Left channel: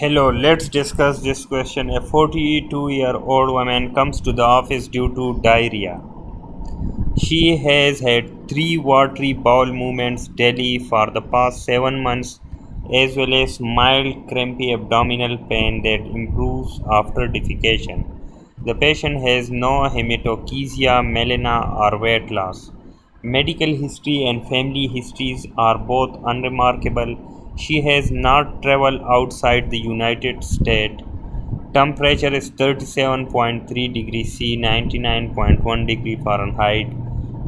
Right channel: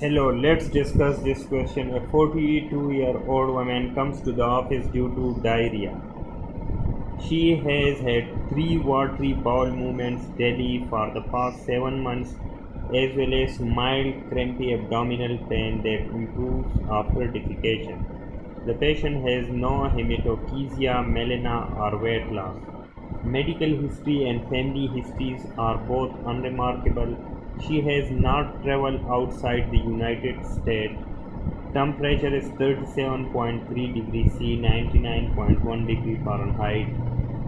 Hello, let's discuss this question. A 42-year-old woman comes to the office due to diarrhea. She has had three watery bowel movements daily for the past 7 months, as well as mild crampy abdominal pain that improves after defecation. The patient has no hematochezia, melena, or weight loss. Medical history and family histories are both unremarkable. She has not traveled outside the United States. Temperature is 37.3 degrees C, 99.1 degree Fahrenheit.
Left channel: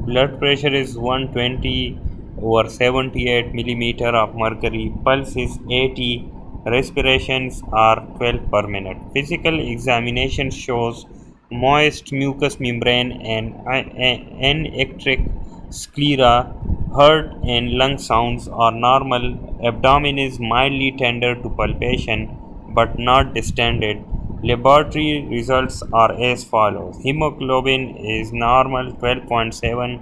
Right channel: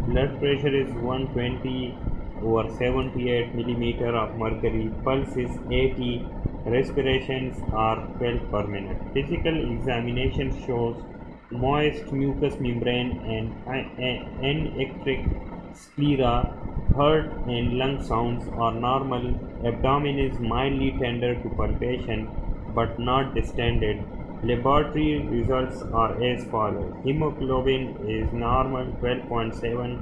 Blood pressure is 120 over 78 millimeter of mercury. Pulse is 80. Respirations are 12 per minute. Physical examination shows moist mucous membrane and anectric sclera. Heart and lung sounds are normal. Abdomen is mildly tender to palpation but not distended. Laboratory results are as follows. Hemoglobin is normal 12.7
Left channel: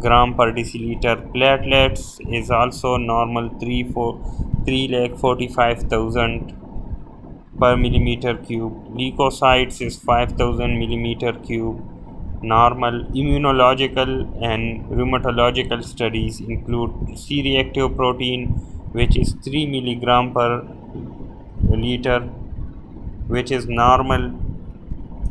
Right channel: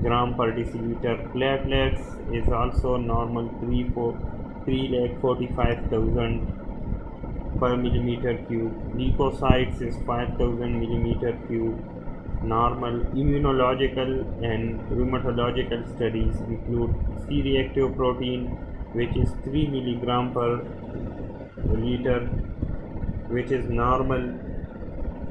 gram per deciliter. Platelets is also normal 3,45,000 per millimeter cube. Leukocytes is 5,000 millimeter cube. Normal immunological and rheumatological studies include C-reactive protein, which is 3 milligram per liter, which is normal,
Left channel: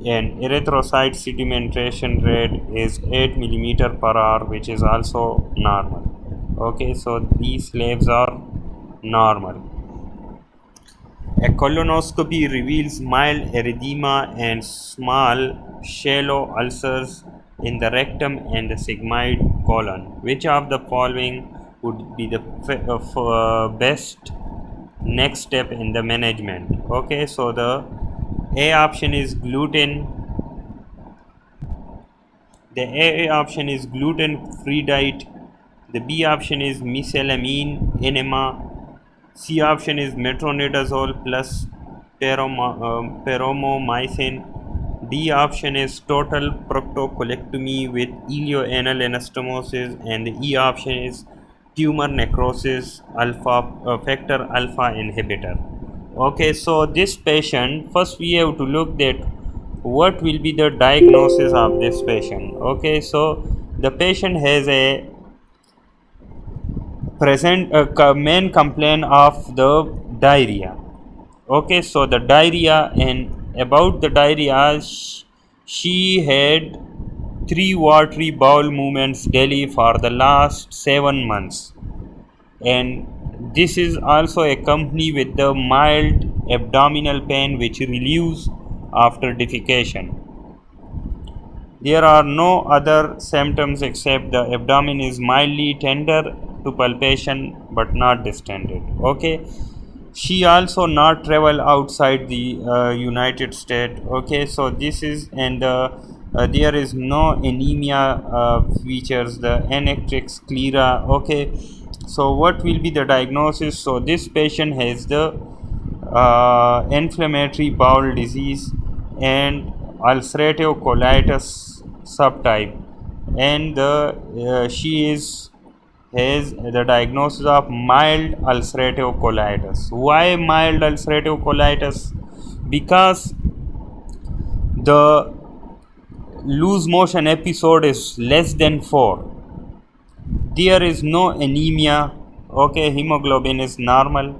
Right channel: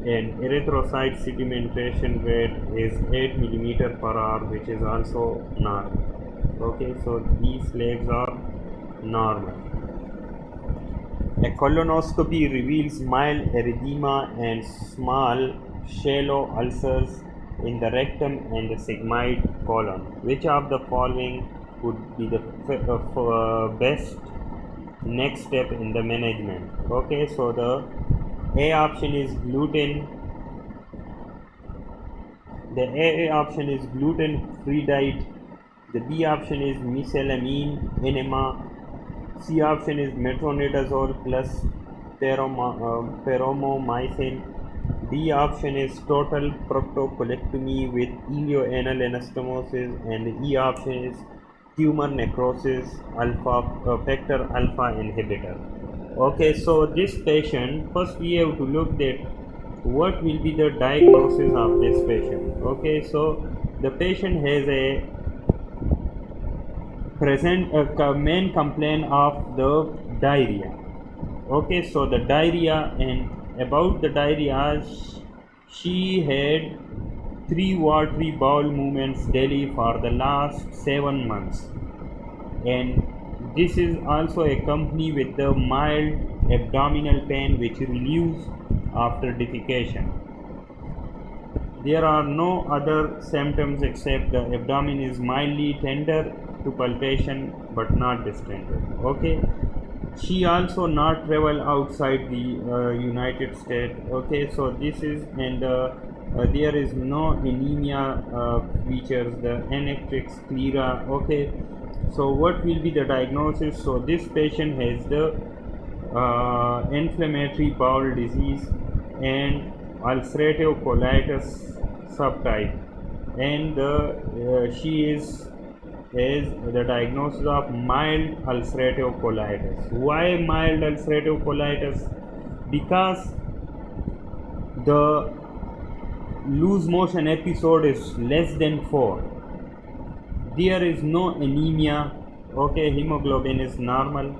and erythrocyte sedimentation rate is 8 millimeter per hour, which is also normal. Okay, so these labs are normal. A colonoscopy reveals mild erythema and small shallow ulcers in the rectum and the sigmoid colon. Which of the following would be the best next step in the management? Okay, so the A option is gluten. The A option is gluten-free diet. The B option is mesalamine enema. C option is metronidazole plus paromomycin. D option is total proctocolectomy with ileoanal anastomosis, and the E option is tumor necrosis factor alpha inhibitor. Okay, so this patient, first we have to look at what will be the diagnosis of this patient. Okay, so the patient has a main complaint of the diarrhea. Okay, so the diarrhea, and about the diarrhea, she had three watery bowel movements daily for the last 7 months, and this is also accompanied with the mild abdominal pain which relieves after defecation. There are no other symptoms except the abdomen is mildly tender to palpation but not distended. Okay, she also not travel outside the United States. Okay, so this is, and there is no anemia features, the anectric sclera. Okay, so what will be the diagnosis? So this patient has the inflammatory bowel disease and ulcerative colitis subtype, and she has the diagnosis of mild ulcerative colitis. Why mild ulcerative colitis? Because the loose motion episode is less than 4. There is no anemia. Okay, hemoglobin is normal,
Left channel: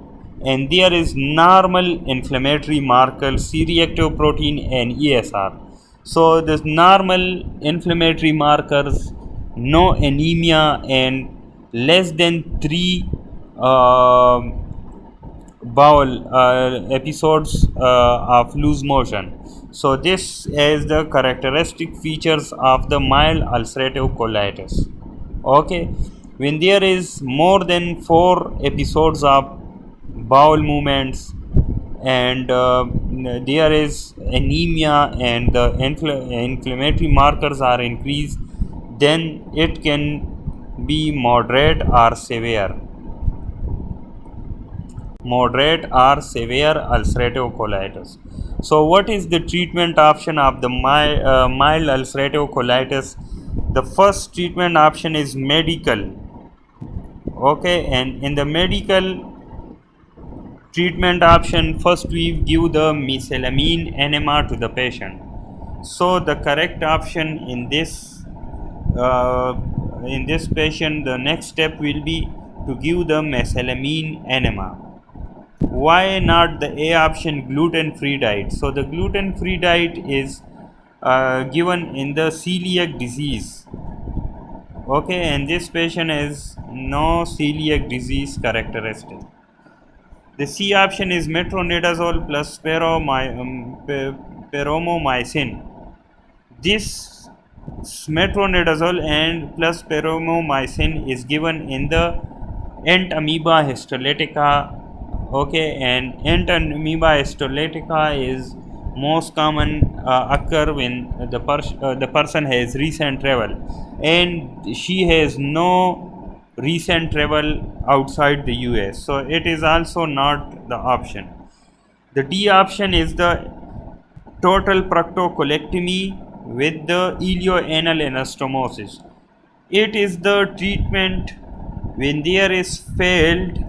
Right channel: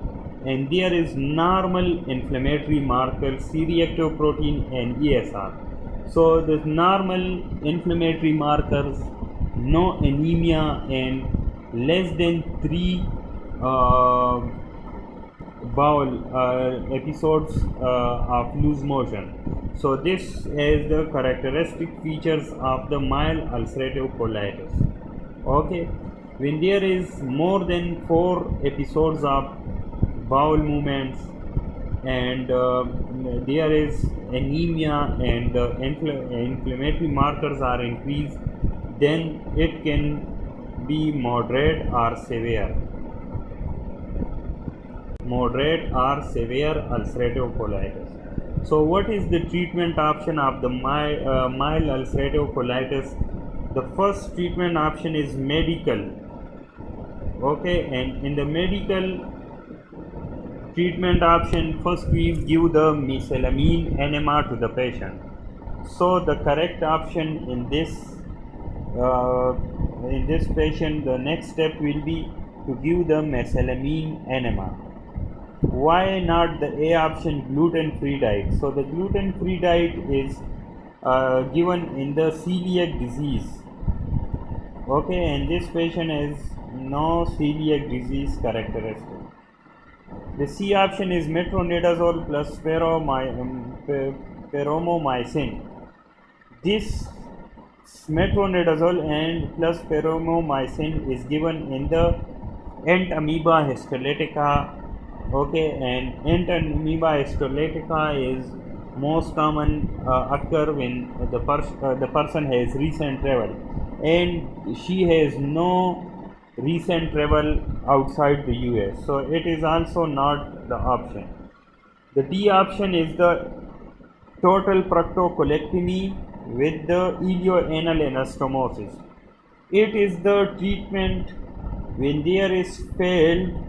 and there is normal inflammatory markers, C-reactive protein and ESR. So this normal inflammatory markers, no anemia, and less than 3 bowel episodes of loose motion. So this is the characteristic features of the mild ulcerative colitis. Okay, when there is more than 4 episodes of bowel movements, and there is anemia, and the inflammatory markers are increased, then it can be moderate or severe ulcerative colitis. So what is the treatment option of the mild ulcerative colitis? The first treatment option is medical. Okay, and in the medical, Treatment option: first we give the mesalamine enema to the patient. So the correct option uh, in this patient, the next step will be to give the mesalamine enema. Why not the A option, gluten-free diet? So the gluten-free diet is given in the celiac disease. Okay, and this patient has no celiac disease characteristic. The C option is metronidazole plus peromomycin. This metronidazole and plus peromomycin is given in the entamoeba histolytica. Okay, and entamoeba histolytica is most common occur when the person has recent travel, and she has no recent travel outside the US, so it is also not the option. The D option is the total proctocolectomy with the ilioanal anastomosis. It is the treatment when there is failed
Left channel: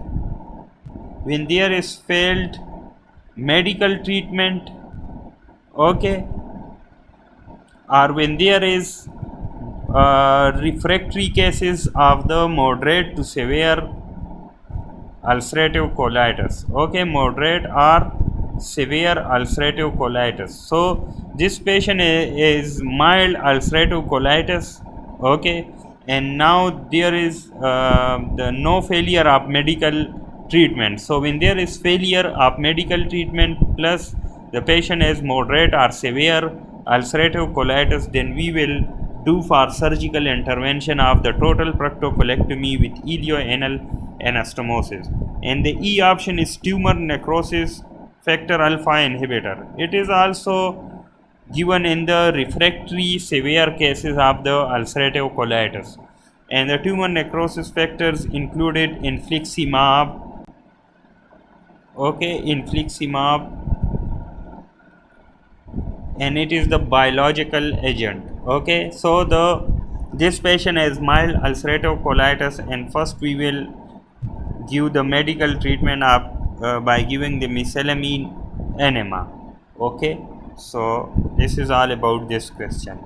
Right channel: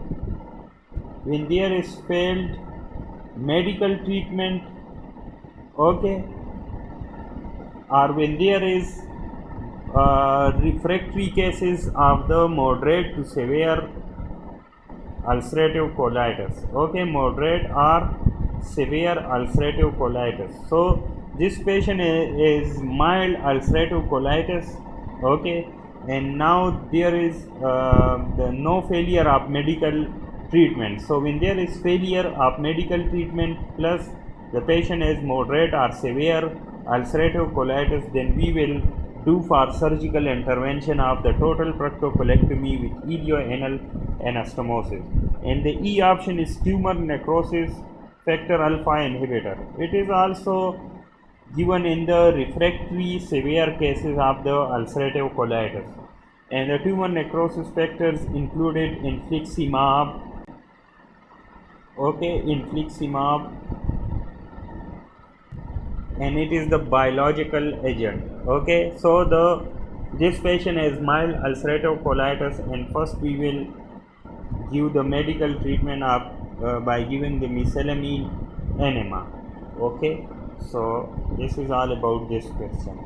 medical treatment, okay, or when there is refractory cases of the moderate to severe ulcerative colitis. Okay, moderate or severe ulcerative colitis. So this patient is mild ulcerative colitis. Okay, and now there is the no failure of medical treatment. So when there is failure of medical treatment plus the patient has moderate or severe ulcerative colitis, then we will do for surgical intervention of the total proctocolectomy with ilioanal anastomosis. And the E option is tumor necrosis factor alpha inhibitor. It is also given in the refractory severe cases of the ulcerative colitis. And the tumor necrosis factors included infliximab, okay, infliximab, and it is the biological agent. Okay, so this patient has mild ulcerative colitis, and first we will give the medical treatment of by giving the mesalamine enema. Okay, so this is all about this question.